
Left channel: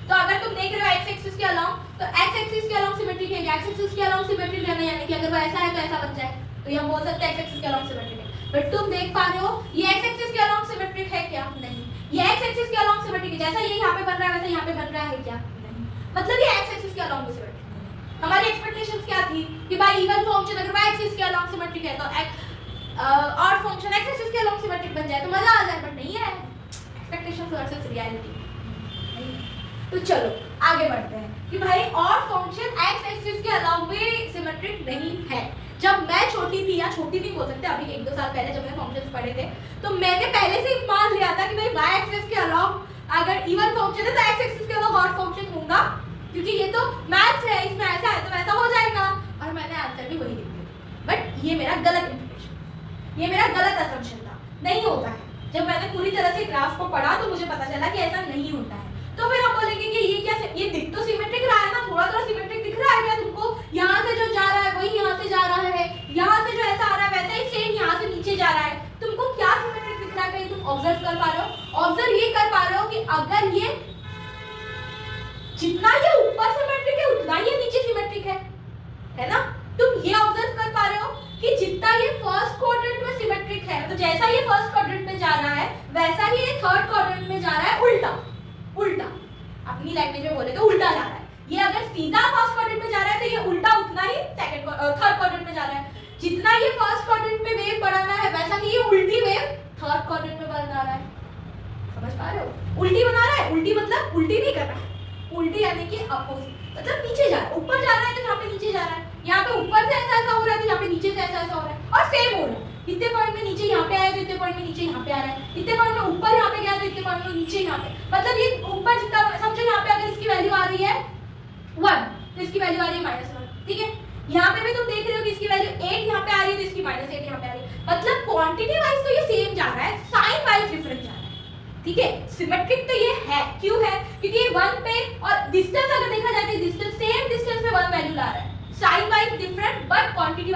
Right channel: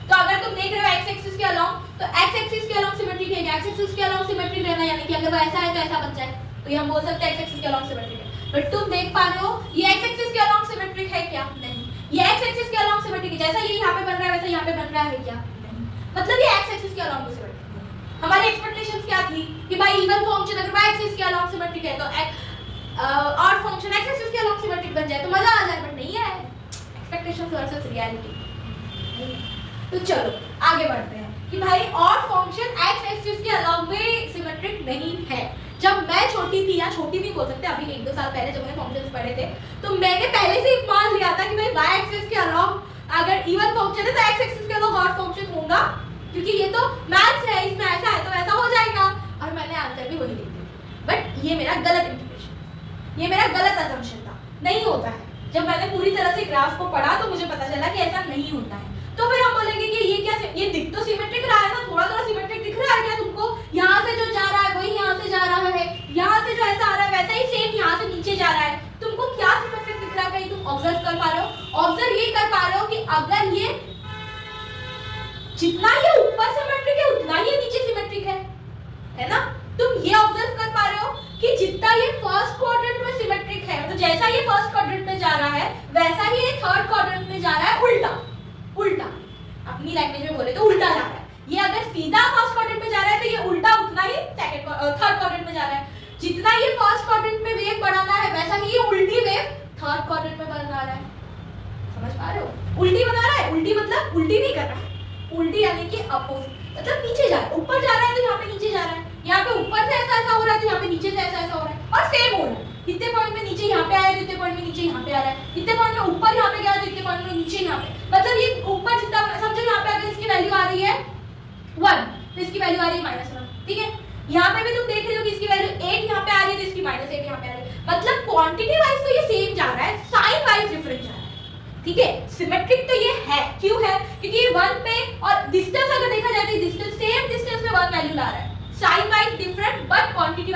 तो अगर तुम देख रहे हो x एक्सिस के अलोंग, तो x एक्सिस के अलोंग सिमेट्रिक है, x एक्सिस के अलोंग सिमेट्रिक रहना, यानी कि अगर वो ऐसा है तो ऐसा बन जाए, तो ये हम बोल सकते हैं x एक्सिस के अलोंग सिमेट्रिक है। बट तुम देख पा रहे हो ये x एक्सिस के अलोंग सिमेट्रिक है क्या? नहीं। ये x एक्सिस के अलोंग सिमेट्रिक है, जैसा ये यहाँ पे बन रहा है वैसा यहाँ पे बन रहा है क्या? नहीं। मतलब ये x एक्सिस के अलोंग सिमेट्रिक है। हमारी एक्सपेक्टेशंस क्या थी कि भाई इवन फंक्शन अगर y एक्सिस के अलोंग सिमेट्रिक है तो और फंक्शन x एक्सिस के अलोंग सिमेट्रिक बन जाए तो मजा आ जाए, बट नहीं है। Expectations versus reality. तो चलो आगे बढ़ते हैं कि भाई और फंक्शन x एक्सिस के अलोंग में सिमेट्रिक नहीं है। जब मैं छोटी थी, या छोटी भी बोल सकते हैं, अभी 1-2 साल पहले जब मैंने फंक्शंस पढ़े थे तो मैंने पहले से ही मान लिया था कि भाई y एक्सिस के अलोंग अगर इवन फंक्शन है तो x एक्सिस के अलोंग ऑड फंक्शन होगा, क्योंकि ये तो मैथ्स है, इसमें ऐसा है तो वैसा हो जाएगा। और मैंने आंसर भी वही लिख दिया। बट ये मेरा गलत इंटरप्रिटेशन, ये मेरा गलत असम्पशन था, नहीं होता है। जब मैंने पूरी तरह से ग्राफ को पढ़ा तो मुझे पता चला कि ऐसा नहीं होता है। तो फिर हम बोलेंगे कि ये क्या, ये दिख तो सिमेट्रिक रहा है ना, थोड़ा सिमेट्रिक दिख रहा है क्या तुमको? यहाँ से जो जा रहा है वही यहाँ से जा रहा है, यहाँ से जो ऐसा आ रहा है वैसा ही सेम यहाँ से नीचे जा रहा है। तुमको क्या सिमेट्रिक दिख रहा है? कहीं तुम ऑब्जर्व कर पा रहे हो? ऑब्जर्व ये कर पा रहे हो कि अगर ये जितना ये ऊपर सिमेट्रिक है उतना ही नीचे सिमेट्रिक है ना? तुम ये ऑब्जर्व कर पा रहे हो कि जितना ये फर्स्ट क्वाड्रेंट में सिमेट्रिक है, मतलब जैसा ये फर्स्ट क्वाड्रेंट में जा रहा है वैसा ही ये थर्ड क्वाड्रेंट में जा रहा है उल्टा, अपनी लैंग्वेज में बोले तो उल्टा जा रहा है। ये अगर सीधा फर्स्ट क्वाड्रेंट में जा रहा है तो ये उल्टा उतना ही थर्ड क्वाड्रेंट में जा रहा है। जितना ये फर्स्ट क्वाड्रेंट में वेव बढ़ाना है वैसा ही ये उल्टी वेव थर्ड क्वाड्रेंट में बढ़ा रहा है। समझ पा रहे हो? उल्टी बना रहा है, उल्टी मतलब उल्टी नहीं कर रहा है, उल्टी यानी कि अपोजिट, मतलब नीचे जा रहा है। ऊपर जा रहा है तो यहाँ पे नीचे जा रहा है, यहाँ पे ऊपर से ऐसा हो रहा है तो यहाँ पे नीचे से ऐसा हो रहा है, और सेम हो रहा है। इतने पॉइंट में नीचे यहाँ पे आया तो इतने पॉइंट में नीचे यहाँ पे आ रहा है, इतने पॉइंट में ऊपर यहाँ पे गया तो इतने पॉइंट में नीचे यहाँ पे, मतलब ये ऊपर जितना, समझो यहाँ पे अगर इसकी वैल्यू आ रही है 1 तो इसकी वैल्यू आ रही है -1, ठीक है। यहाँ पे भी तुम देख रहे हो कि इसकी वैल्यू 8 यहाँ पे आ रही है तो इसकी -8 यहाँ पे आ रही है, मतलब क्वांटिटी वाइज तो ये सेम जा रहा है, साइन वाइज डिफरेंट जा रहा है, ठीक है। सिमेट्रिक तो ये है, क्यों है? क्योंकि ये 1 पे, और डिस्टेंस अगर देखा जाए तो डिस्टेंस सेम डिस्टेंस में 1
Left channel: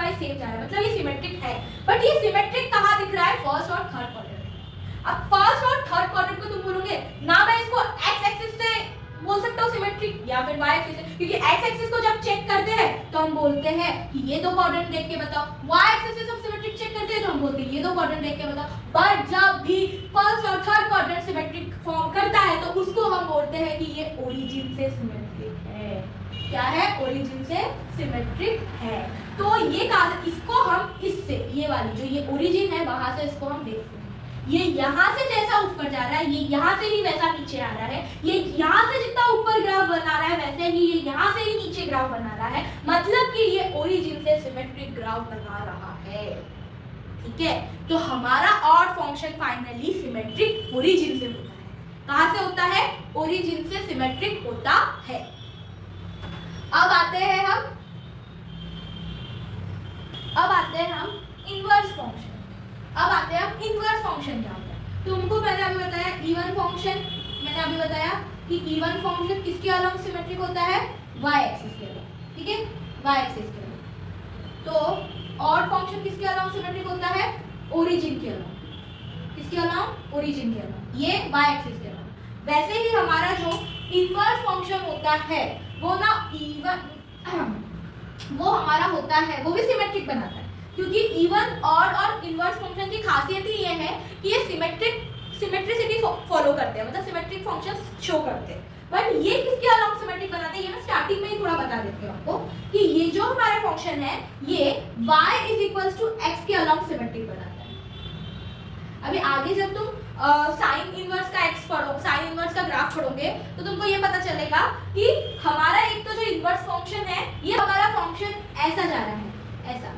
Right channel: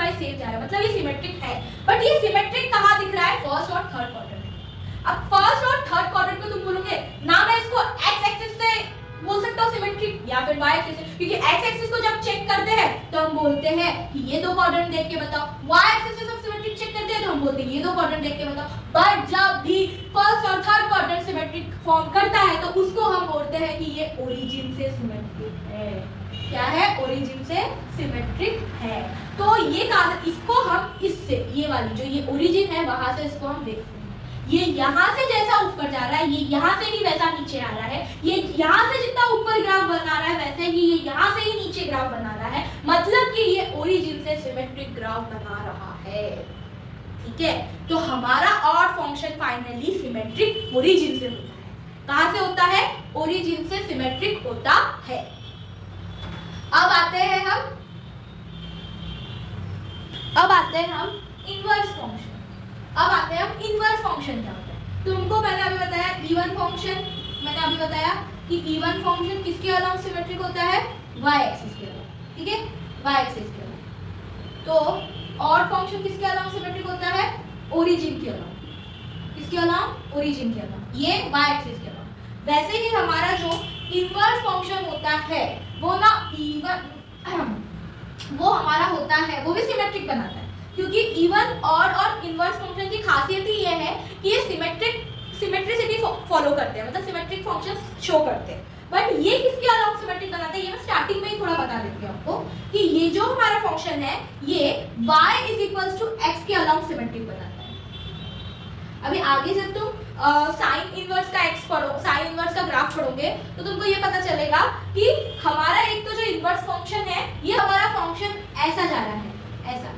वाइज सेम जा रहा है, मतलब ये सिमेट्रिक है। बट ये सिमेट्रिक कहाँ दिख रहा है? फर्स्ट और थर्ड क्वाड्रेंट। अब फर्स्ट और थर्ड क्वाड्रेंट में तुम बोलोगे ना मैं इसको एक्स एक्सिस से बोल सकता हूँ सिमेट्रिक या फिर वाई एक्सिस से, क्योंकि एक्स एक्सिस को जब चेक करते हैं तो हम बोलते हैं कि ये दो क्वाड्रेंट देख के बताओ, वाई एक्सिस से हम सिमेट्रिक चेक करते हैं तो हम बोलते हैं ये दो क्वाड्रेंट देख के बताओ। बट जब भी फर्स्ट और थर्ड क्वाड्रेंट सिमेट्रिक फॉर्म करता है तो उसको हम बोलते हैं कि ये ओरिजिन से सिमेट्रिक है। क्या है? ओरिजिन से सिमेट्रिक है। तो ये कहा, इसको हम इससे, ये वाली जो ये ओरिजिन है वहां से इसको हम देखते हैं, ये यहाँ से जैसा ऊपर जा रहा है ये यहाँ से ही वैसा नीचे आ रहा है, ये यहाँ से जितना ऊपर ग्राफ बना रहा है वैसे ही ये यहाँ से ही नीचे ग्राफ बना रहा है, मतलब कि ये ओरिजिन से सिमेट्रिक ग्राफ बना रहा है। ठीक है, तो हमारा odd function finally symmetric origin से होता है। कहां से होता है? ओरिजिन से सिमेट्रिक होता है। अब आते हैं हम इनवर्स फंक्शन। अब आते हैं हम इनवर्स फंक्शन क्या होता है। तुमको मैंने अभी बताया इवन फंक्शन, मैंने अभी बताया कि इवन फंक्शन किसके अलोंग सिमेट्रिक होता है? वाई एक्सिस के अलोंग। ठीक है, वाई एक्सिस के अलोंग। तो ऑड फंक्शन किसके अलोंग सिमेट्रिक होता है? ओरिजिन के अलोंग। किसके अलोंग? ओरिजिन के अलोंग, ये वाई एक्सिस के अलोंग। वैसे ही हमारा जो इनवर्स फंक्शन होता है वो ना इवन वो हमारा होता है, वो भी सिमेट्रिक बनाता है, क्योंकि इवन ऑड और इनवर्स फंक्शन की खासियत ही ये है कि ये सिमेट्रिसिटी फॉलो करते हैं, मतलब सिमेट्रिक फंक्शंस शो करते हैं। बट ये किसके अलोंग सिमेट्रिक बनाते हैं ये मैं स्टार्टिंग में ही थोड़ा बता देती हूँ आपको कि ये जो हमारा फंक्शन है ये y = x के अलोंग सिमेट्रिक बनाता है। अभी आगे जब तुम साइन इनवर्स का x पढ़ो, साइन इनवर्स का ग्राफ पढ़ोगे तो तुमको ये पता चलेगा कि हमारा एक तो जो इनवर्स फंक्शन है ये हमारा फंक्शन ऐसा जा रहा है, ऐसा।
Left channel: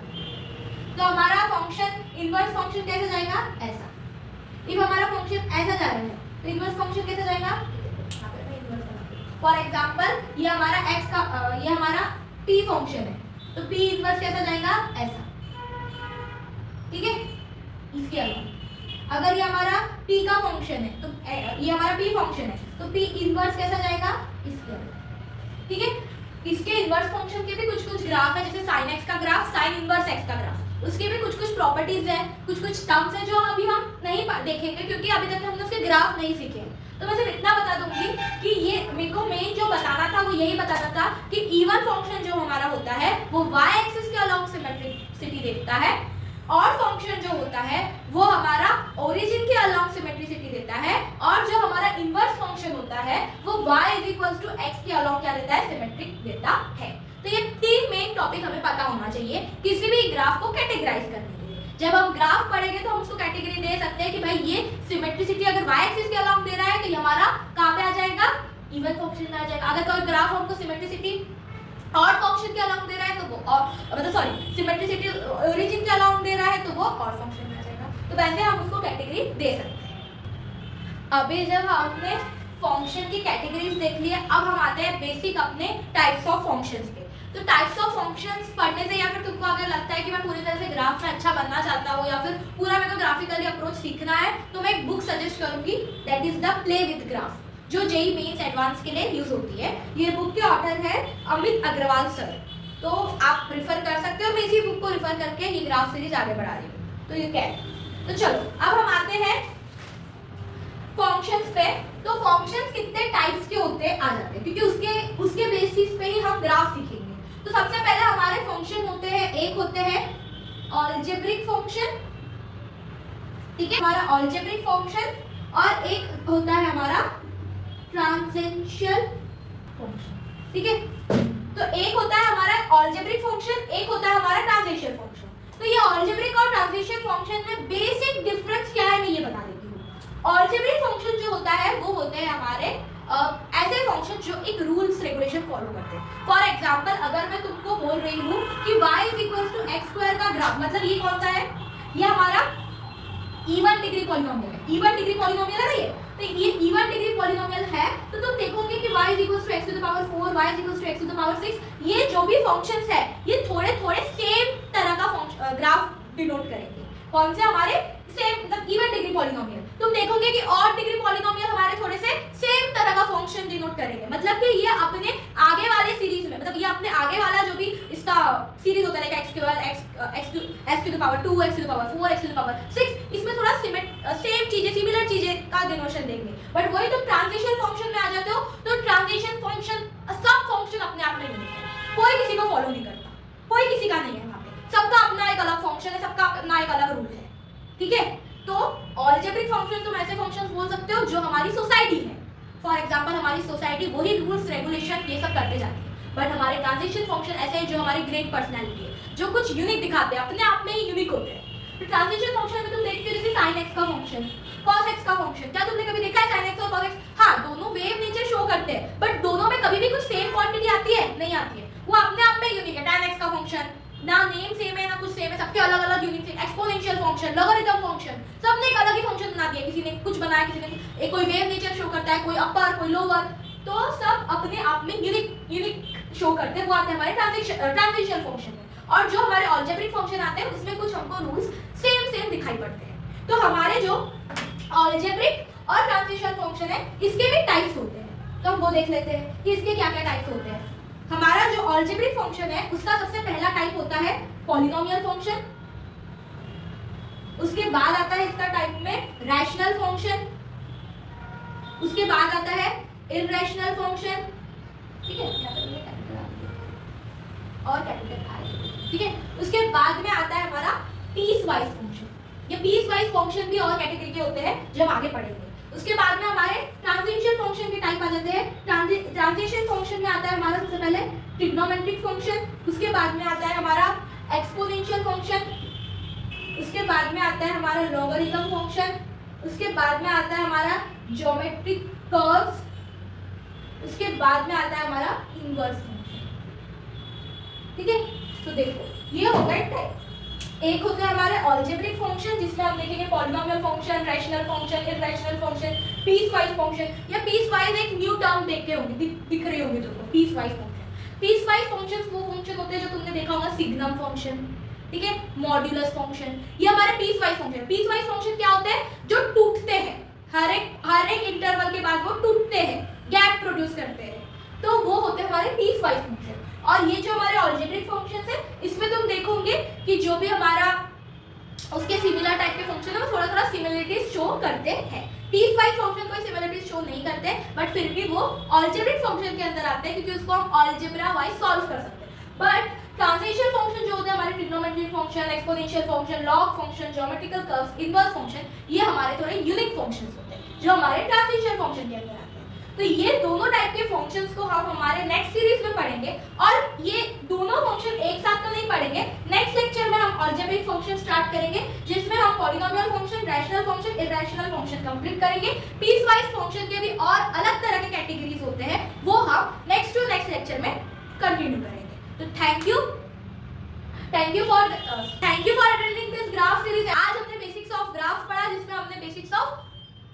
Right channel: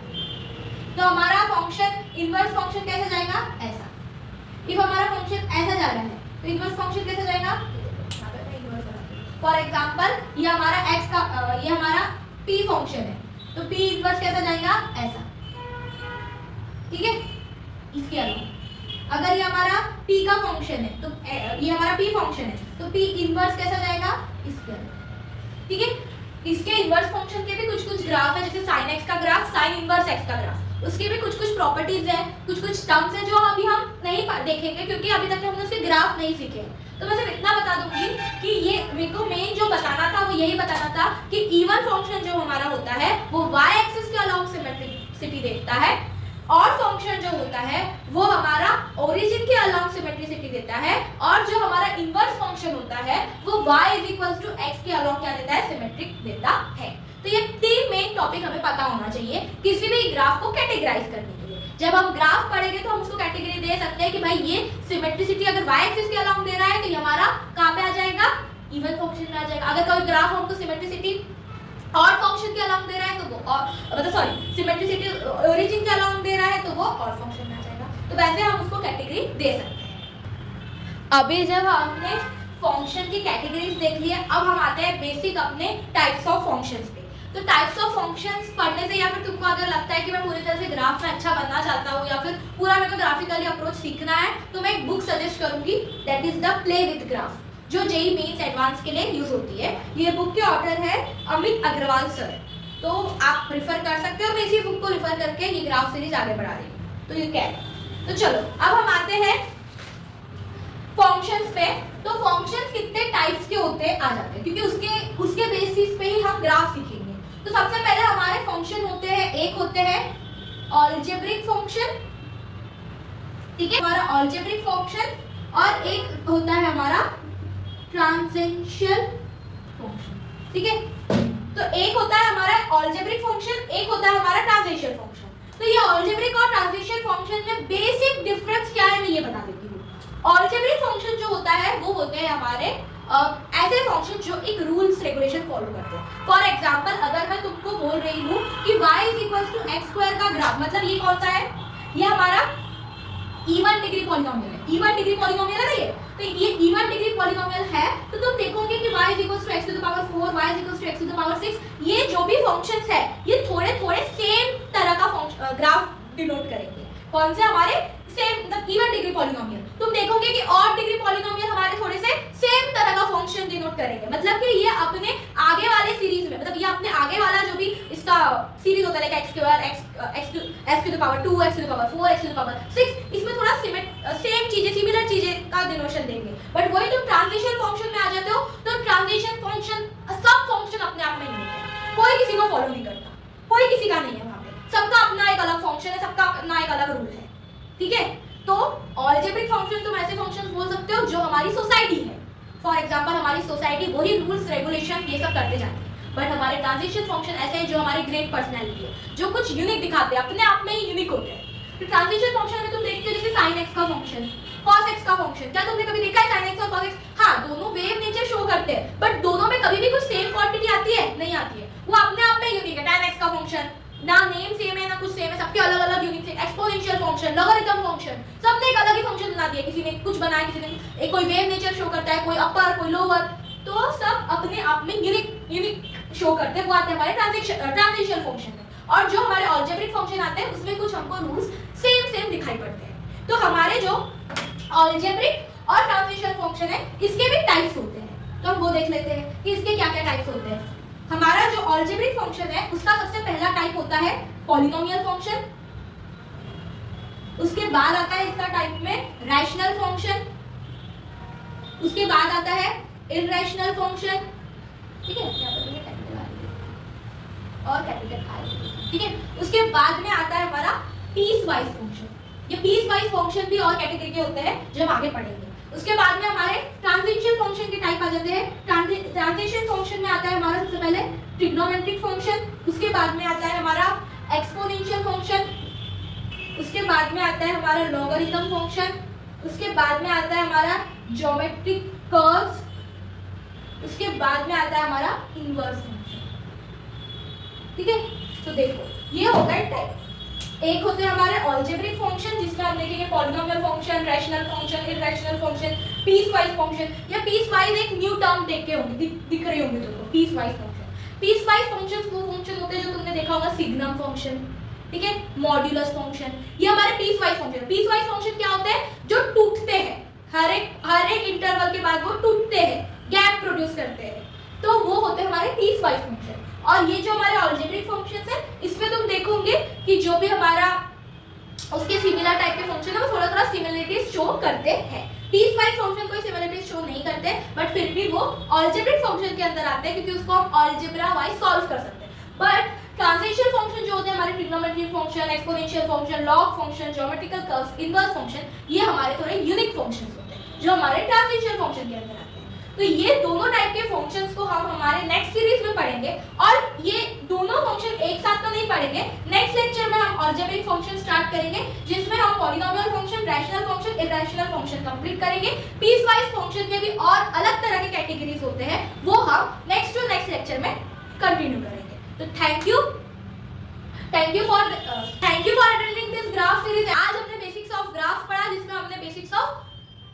तो हमारा फंक्शन इनवर्स फंक्शन कैसे जाएगा? ऐसा। इफ हमारा फंक्शन ऐसा जा रहा है तो इनवर्स फंक्शन कैसे जाएगा? फॉर एग्जांपल ये हमारा x का ये हमारा p फंक्शन है, तो p इनवर्स कैसा जाएगा? ऐसा। ठीक है, इसके अलावा अगर ये हमारा p का फंक्शन है तो ये हमारा p फंक्शन है तो p इनवर्स कैसा जाएगा? इसके अलावा। ठीक है, इसके इनवर्स फंक्शन के भी कुछ ग्राफ है, जैसे sin x का ग्राफ, sin इनवर्स x का ग्राफ, उसके भी कुछ प्रॉपर्टीज है, कुछ टर्म्स है जो अभी हम नहीं देखेंगे क्योंकि अभी तक हमने उसके ग्राफ नहीं सीखे। तो मैं सिर्फ इतना बता दूंगी कि ये मेरे को मेन जो बताना था वो यही बताना था कि इवन फंक्शन जो हमारा होता है वो y एक्सिस के अलोंग सिमेट्रिसिटी देखता है, और फंक्शन जो होता है वो हमारा ओरिजिन के अलोंग सिमेट्रिसिटी देता है, और जो हमारा इनवर्स फंक्शन होता है वो y = x के अलोंग क्या देता है? सिमेट्रिक देता है। तो ये तीन मेन टॉपिक हमें पता होना चाहिए किसी भी ग्राफ को कैटेगराइज करने के लिए। जब हम ग्राफ पढ़ेंगे तो हम उसको कैटेगरी दे सकते हैं कि भाई ये सिमेट्रिसिटी अगर y एक्सिस के अलोंग दे रहा है तो ये हमारा कहां पे आ जाएगा? इवन फंक्शन में आ जाएगा। अगर कोई ग्राफ हमको सिमेट्रिसिटी ऑड फंक्शन के अलोंग दे रहा है तो वो मतलब सॉरी सिमेट्रिसिटी ओरिजिन के अलोंग दे रहा है तो वो ऑड फंक्शन में आ जाएगा। तो वैसे हम उसको कैटेगरी दे सकते हैं। अभी जब हमने फंक्शन की कैटेगरीज देख ली है, अब हम आते हैं बेसिक अपने टाइप्स ऑफ फंक्शंस पे। तो टाइप्स ऑफ फंक्शंस पढ़ने से या फिर तुमको अगर लगता है कि मैं पूरी तरह से ग्राफ में अच्छा बनना चाहता हूँ या फिर पूरा मेरे को ग्राफिकली अप्रोच सीखना है तो मैं एक बुक सजेस्ट करूंगी, that is the play with graph, जो जेईई मेंस एडवांस के लिए यूज होती है। ये बुक के ऑथर है अमित अग्रवाल सर, तो आप प्रिफर कर सकते हो। मैं इसी बुक को रिफर करके ये ग्राफ सीरीज आगे बढ़ा रही हूँ, तो ये क्या है। तो चलो अब हम आते हैं फंक्शंस पे। तो फंक्शंस कितने टाइप्स के होते हैं आ जाते हैं, क्योंकि उसके बेसिस पे ही हम ग्राफ सीखेंगे। तो सबसे पहले हमारे फंक्शन होते हैं, एक होते हैं अलजेब्रिक फंक्शन, ठीक है, हमारा अलजेब्रिक फंक्शन, और एक होता है हमारा ट्रांसेंशियल फंक्शन। ठीक है, तो एक होता है हमारा अलजेब्रिक फंक्शन, एक होता है हमारा ट्रांसेंशियल फंक्शन। तो ये अलजेब्रिक और ट्रांसेंशियल फंक्शन में बेसिक डिफरेंस क्या है मैं ये बता देती हूँ। अलजेब्रिक फंक्शन जो होता है वो होते हैं हमारे ऐसे फंक्शन जो एक रूल्स रेगुलेशन फॉलो करते हैं। फॉर एग्जांपल अगर मैं तुमको बोल रही हूँ कि y = x² का ग्राफ, मतलब ये कौन सा है? ये हमारा इवन डिग्री पॉलिनोमियल है। इवन डिग्री पॉलिनोमियल है ना ये, तो ये इवन डिग्री पॉलिनोमियल है। तो तुम देखोगे कि y = x⁴, y = x⁴, ये जो भी फंक्शंस है ये थोड़े थोड़े सेम तरह का ग्राफ डिनोट करेंगे। कौन से? हमारे सेम, मतलब इवन डिग्री पॉलिनोमियल। तुम देखोगे कि ऑड डिग्री पॉलिनोमियल हमारे थोड़े से सेम तरह का फंक्शन डिनोट करेंगे, मतलब कि ये अपने आगे वाले सीरीज में, मतलब ये अपने आगे वाला जो भी इसका सीरीज होता है like x square x to the power 2 x to the power 4 x to the power 6, इसमें थोड़ा सेम चीजें सिमिलर चीजें का डिनोशन देंगे। बट वही तुम ट्रांजिशन फंक्शन में आ जाते हो तो ट्रांजिशन फंक्शन सब फंक्शन अपने आप में यूनिक है, कोई किसी को फॉलो नहीं करता, कोई किसी का नहीं है वहां पे, सबका अपना एक अलग फंक्शन है, सबका अपना एक अलग रूल है, ठीक है। तो अलजेब्रिक फंक्शन तुम ऐसे फंक्शंस बोल सकते हो जो हमारी सोसाइटी है, फॉर एग्जांपल हमारी सोसाइटी वही रूल्स रेगुलेशन ये सब करते जाती है। बट हमारे ट्रांजिशन फंक्शन ऐसे हैं जो हमारी ग्रेट पर्सनैलिटी है, जो कुछ यूनिक दिखाते हैं, अपने आप में ही यूनिक होते हैं। तो ट्रांजिशन फंक्शन में तुम देखते हो जैसे sin x का फंक्शन, cos x का फंक्शन, क्या तुमने कभी देखा है sin x और cos x? हाँ, दोनों वेव नेचर शो करते हैं, बट दोनों में कभी भी कुछ सेम क्वांटिटी आती है? नहीं आती है, वो अपने आप में यूनिक है। tan x का फंक्शन ना नेम सेम है ना कुछ सेम है, सबके अलग अलग यूनिक है। एक्सपोनेंशियल फंक्शन, लॉगरिथम फंक्शन, सबने एक अलग ही फंक्शन बना दिया, किसी ने कुछ बनाया, किसी ने एक कोई वेव नेचर शो करता है, कोई अपर कोई लोअर, तो सब अपने आप में यूनिक शो करते हैं, वो आते हैं हमारे ट्रांजिशन फंक्शन में। और जो हमारे अलजेब्रिक फंक्शन आते हैं उसमें कुछ हमको रूल्स सेम दिखाई पड़ते हैं। तो हमारे जो अलजेब्रिक और ट्रांजिशन फंक्शन है इसके भी टाइप्स होते हैं, तो हम वो देख लेते हैं कि इसके क्या क्या टाइप्स होते हैं। हमारा जो अलजेब्रिक फंक्शन है उसका सबसे पहला टाइप होता है पॉलिनोमियल फंक्शन, उसके बाद आता है इसका टाइप में रैशनल फंक्शन, उसके बाद आता है इररेशनल फंक्शन, ठीक है, यहाँ पर ये कैपिटल और कैपिटल आई, ठीक है। उसके बाद में आता है हमारा पीस वाइज फंक्शन, ये पीस वाइज फंक्शन भी और कैटेगरी के होते हैं जब आगे पढ़ेंगे। उसके बाद में हमारे ट्रांजिशन फंक्शन के टाइप आ जाते हैं। ट्रांजिशन फंक्शन में आता है हमारा सबसे पहले ट्रिग्नोमेट्रिक फंक्शन, उसके बाद में आता है हमारा एक्सपोनेंशियल फंक्शन, उसके बाद में आता है हमारा लॉगरिथम फंक्शन, उसके बाद में आता है हमारा ज्योमेट्रिक कर्व्स, उसके बाद में आता है हमारा इनवर्स फंक्शन, ठीक है। तो देखो ये हो गए टाइप। एक होते हैं हमारे अलजेब्रिक फंक्शन जिसमें हम देखेंगे polynomial function, rational function, irrational function, piece wise function. या पीस वाइज एक न्यू टर्म देख के होंगे, दिख रही होंगी तुमको, piece wise function. Piece wise functions वो फंक्शन होते हैं जो तुमने देखा होगा सिग्नम फंक्शन, ठीक है, मॉड्यूलस फंक्शन, ये हमारे piece wise function. Piece wise function क्या होते हैं? जो टूटते हैं, हर एक इंटरवल के बाद वो टूटते हैं, गैप प्रोड्यूस करते हैं, तो वो होते हैं हमारे पीस वाइज फंक्शन। और ये जो हमारे अलजेब्रिक फंक्शंस है इसमें तुम देखोगे कि जो भी हमारा उसके सिमिलर टाइप के फंक्शन है वो थोड़ा थोड़ा सिमिलरिटीज शो करते हैं। पीस वाइज फंक्शन कोई सिमिलरिटीज शो नहीं करते, बट फिर भी वो अलजेब्रिक फंक्शन के अंदर आते हैं क्योंकि उसको हम अलजेब्रा वाइज सॉल्व कर सकते हैं। बट ट्रांजिशन फंक्शन जो होते हैं हमारे trigonometric function, exponential function, log function, geometrical curves, inverse function, ये हमारे थोड़े यूनिक फंक्शंस होते हैं जो हमारे ट्रांजिशन फंक्शन के अंदर आते हैं। तो ये दोनों टाइप के फंक्शंस को हम हमारे नेक्स्ट सीरीज में पढ़ेंगे, और ये दोनों फंक्शन एक साथ तो नहीं पढ़ेंगे। नेक्स्ट लेक्चर में हम अलजेब्रिक फंक्शन स्टार्ट करेंगे जिसमें हम polynomial function, rational function, irrational function complete करेंगे। पीस वाइज फंक्शन के भी और अलग तरह के कैटेगरीज होते हैं, वो हम नेक्स्ट लेक्चर में कंटिन्यू करेंगे। तो thank you for attending this graph series. आज हमने बेसिक्स ऑफ ग्राफ पढ़ा जिसमें हमने basics of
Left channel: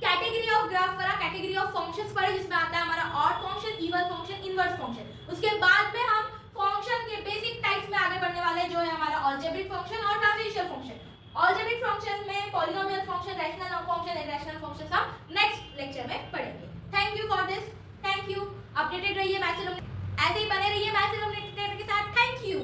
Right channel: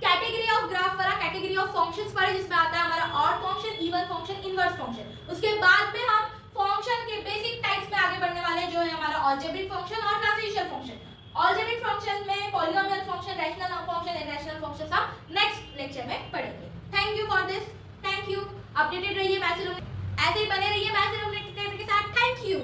category of graph पढ़ा, कैटेगरी ऑफ फंक्शंस पढ़े जिसमें आता है हमारा odd function, even function, inverse function. उसके बाद में हम फंक्शन के बेसिक टाइप्स में आगे बढ़ने वाले हैं जो है हमारा अलजेब्रिक फंक्शन और ट्रांजिशन फंक्शन। अलजेब्रिक फंक्शन में polynomial function, rational function, irrational function हम नेक्स्ट लेक्चर में पढ़ेंगे। Thank you for this, thank you. Updated रहिए मैथ्स ऐसे ही बने रहिए मैथ्स के साथ। Thank you.